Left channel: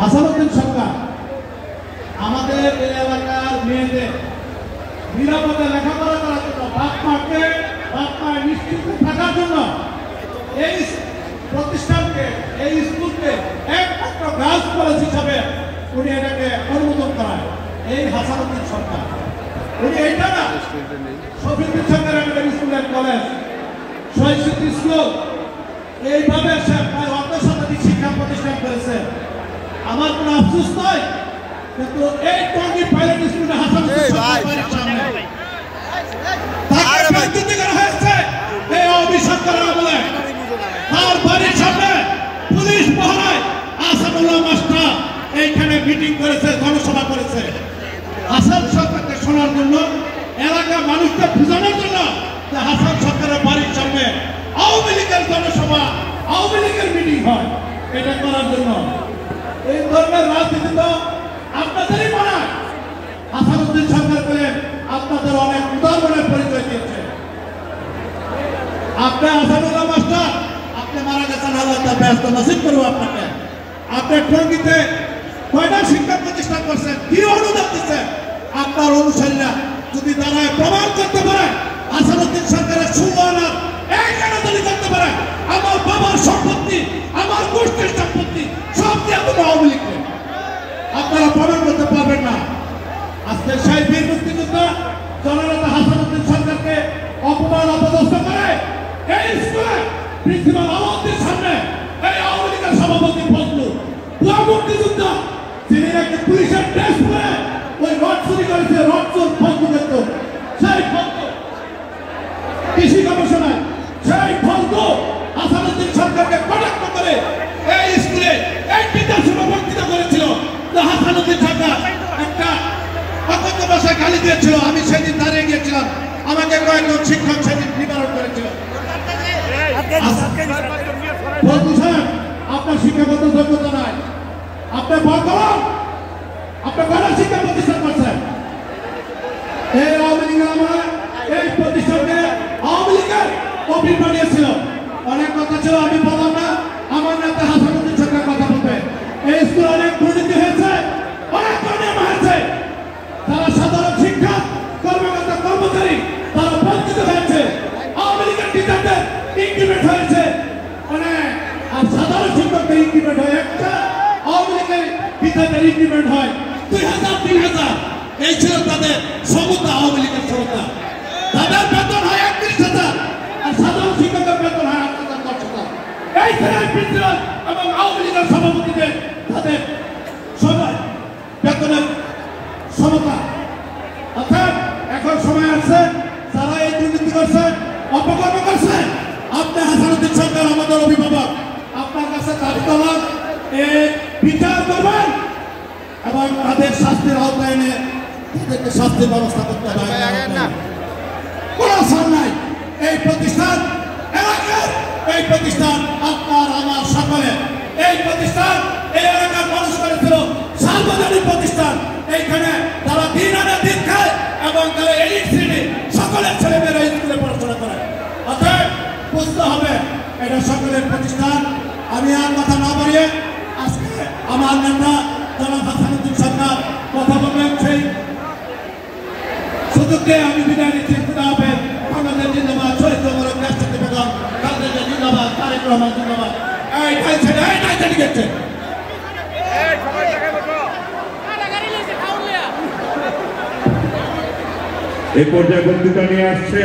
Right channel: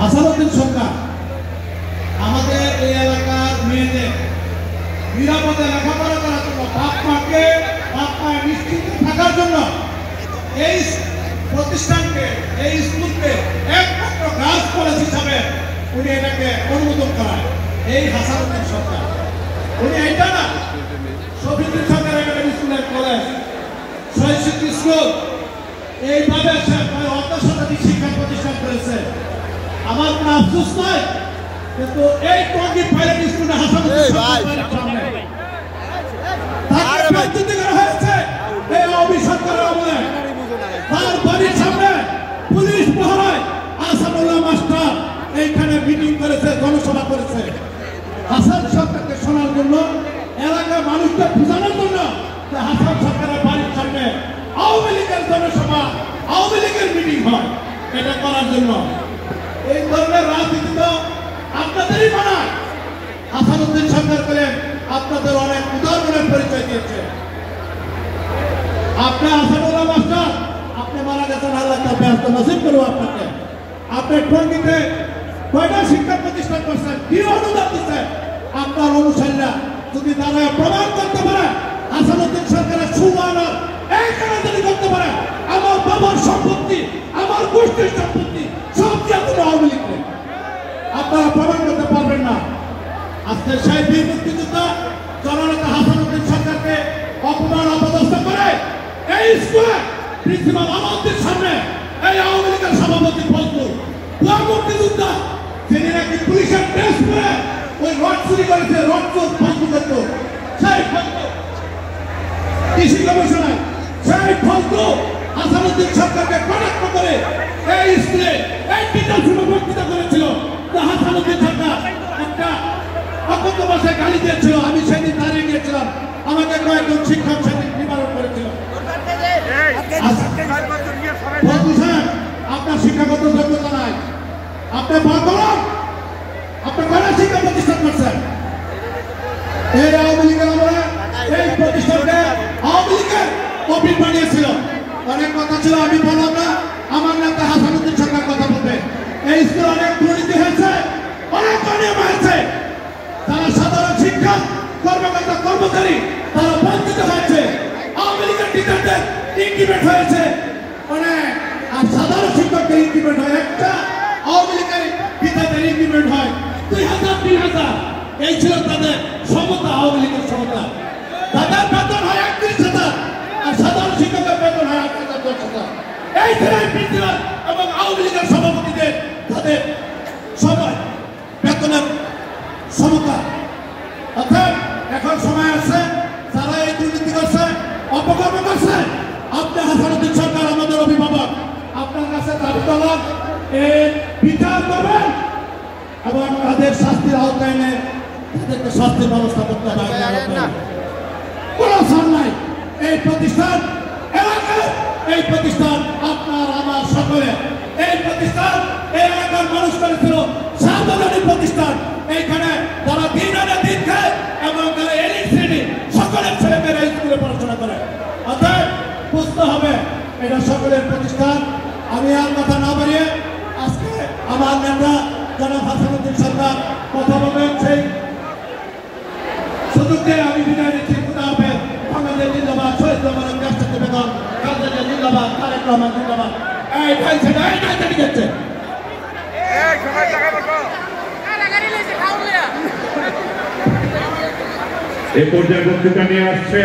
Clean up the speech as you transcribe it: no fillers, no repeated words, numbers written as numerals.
হাসানুদ্দিন সরকার আমাদের এই এলাকার মেয়েদের নিরাপদে লেখাপড়া করার জন্য বাপ মায়ের নিশ্চিন্ত থাকার জন্য এই প্রতিষ্ঠানকে এই স্কুলকে একমাত্র গার্লস কলেজ হিসাবে উনি এটাকে অনুমোদন করায় এই হাসানুদ্দিন সরকার। উনি এইটা না শফিউদ্দিন সরকার একাডেমি স্কুলের কলেজ শৈশিক স্কুল এইভাবে সে প্রায় অর্ধশতাধিক শিক্ষা প্রতিষ্ঠান করেছে। আমার কোনো আফসোস নয়, কিন্তু এই টঙ্গী পাইলট স্কুলে হাসানুদ্দিন সরকার বাড়ির সামনে তাকে ব্যক্তিগত করা হয়েছে এই অভিশপ্তরা বলে তার বাড়ির সামনে পুলিশ পাহারায় আসাদুল্লাহ মাস্টার এইখানে মিটিং করেছে, জনসভা করেছে হাসান সরকারকে শোনার জন্য, এলাকার মানুষকে বোঝানোর জন্য যে হাসান সরকারের বাড়ির সামনে আওয়ামী লীগের জনসভা আওয়ামী লীগের মিটিং হয়, এটা করার জন্য। এই ধরনের রাজনীতি তো আপনাদেরই বানায়। হাসানুদ্দিন সরকার বলেন আপনাদের অনেক উদাহরণের পরিচয় দিয়েছে। আপনি আসাদুল্লাহ মাস্টার আপনি মারা গেছেন, আল্লাহ তার ব্যস্ত নসিব করবো আপনাকে। আপনি টঙ্গীতে কয়টা শিক্ষা প্রতিষ্ঠান করছেন, কি অনুদান দিচ্ছেন? আপনার অনুসারীরা যদি দাঁড়ায় প্রমাণ করতে পারে হাসানুদ্দিন সরকারের সুবানার এইখানে যদি করতে পারে আমার বাবার সম্পত্তি আমার গোষ্ঠীর সম্পত্তি সব দিয়ে কোনো আওয়ামী লীগ নেই, আপনারা প্রমাণ করতে পারবেন না। আজকে সেই বীর মুক্তিযোদ্ধা জননেতা হাসানুদ্দিন সরকারকে অপমান অপদস্থ করে এই স্কুলে প্রিন্সিপাল আমাদের সামনে এই আওয়ামী লীগের সভাপতি ফজলু মুক্তিযোদ্ধা সেদিন একটি পুলিশের ড্রেস পরে ওই রড চুরি করেছে, রড চোর ফজলু করত সেই ফজলু কৃষি গবেষণায় সেই ফজলু হাসানুদ্দিন সরকারকে কটাক্ষ করে এই স্কুলে এই টিচার শুভ বক্তৃতা করেছিল। তো হাসানুদ্দিন সরকার একটা অকথ্য ভাষায় গালি দিয়েছিল, আমি সেদিন দাঁড়িয়ে গিয়েছিলাম, আমাকে কয়েকজন শিক্ষক সেদিন নিবারণ করেছিল। আপনার শিক্ষাগত যোগ্যতা নাই, আপনার বর্তমান আপনি কয়টা শিক্ষা প্রতিষ্ঠান করছেন? এই আওয়ামী লীগের আমরা এই প্রতিষ্ঠানকে আওয়ামী লীগের অফিস বানিয়েছিল। অনেক কথা ছিল আমি বললাম না, আমার নেতা হাসানুদ্দিন সরকার কথা বলবে। এই স্কুলে অনেক দুর্নীতি হয়েছে, অনেক অনিয়ম হয়েছে, তারা সাধারণ শিক্ষা কর্মকর্তা কর্মচারী তারা বঞ্চিত হয়েছে, আওয়ামী লীগের টিচারদের ইনক্রিমেন্ট হয়েছে অনেক, আর সাধারণ শিক্ষকদের ইনক্রিমেন্ট হয় একটা, আওয়ামী লীগের টিচারদের ইনক্রিমেন্ট হয় 2000 3000। এই ছিল তাদের সমতা, আওয়ামী লীগের সমতা। তাদের বেতন হয় 31,000 আর সাধারণ শিক্ষকের বেতন হয় 8,000 10,000। এই প্রিন্সিপাল এবং আওয়ামী লীগের সভাপতিদের তাদের সবাই বেতনের সমতা। অর্থাৎ এখন সময় আছে যারা এই দুর্নীতি করছে অপকর্ম করছে, আপনি হাসানুদ্দিন সরকার আমাদের অভিভাবক, আপনার কাছে দাবি তোলা এই বিচার করবেন এবং তাদের শাস্তির আওতায় এনে তাদেরকে শাস্তির ব্যবস্থা করতে হবে। কোনো ছাড় নাই। এই প্রতিষ্ঠান এলাকার, এই প্রতিষ্ঠান আপনার আমার সকলের, এই প্রতিষ্ঠান এই এলাকার মানুষ করেছিল সার্বজনীন প্রতিষ্ঠান। এইখানে তারা দিন আনে দিন খায় এবং তারা এলিট শ্রেণী সকলের ছেলেমেয়েরা স্কুলে পড়াশোনা করে। অর্থাৎ বুঝতে হবে এটা সকলের প্রতিষ্ঠান। আমি আর কথা না বাড়িয়ে আজকে আমার নেতা জনাব হাসানুদ্দিন সরকার কথা বলবেন, সেই সুযোগকে আমি বিদায় নিচ্ছি। খুদা হাফেজ। আমাদের জিন্দাবাদ, শহীদ মোবারক দেশটাকে বেগম খালেদা জিন্দাবাদ, তারেক রহমান জিন্দাবাদ। এই টেনশন এই নাই জানি গেছে এই পর্যায়ে বক্তব্য নিয়ে আসছে।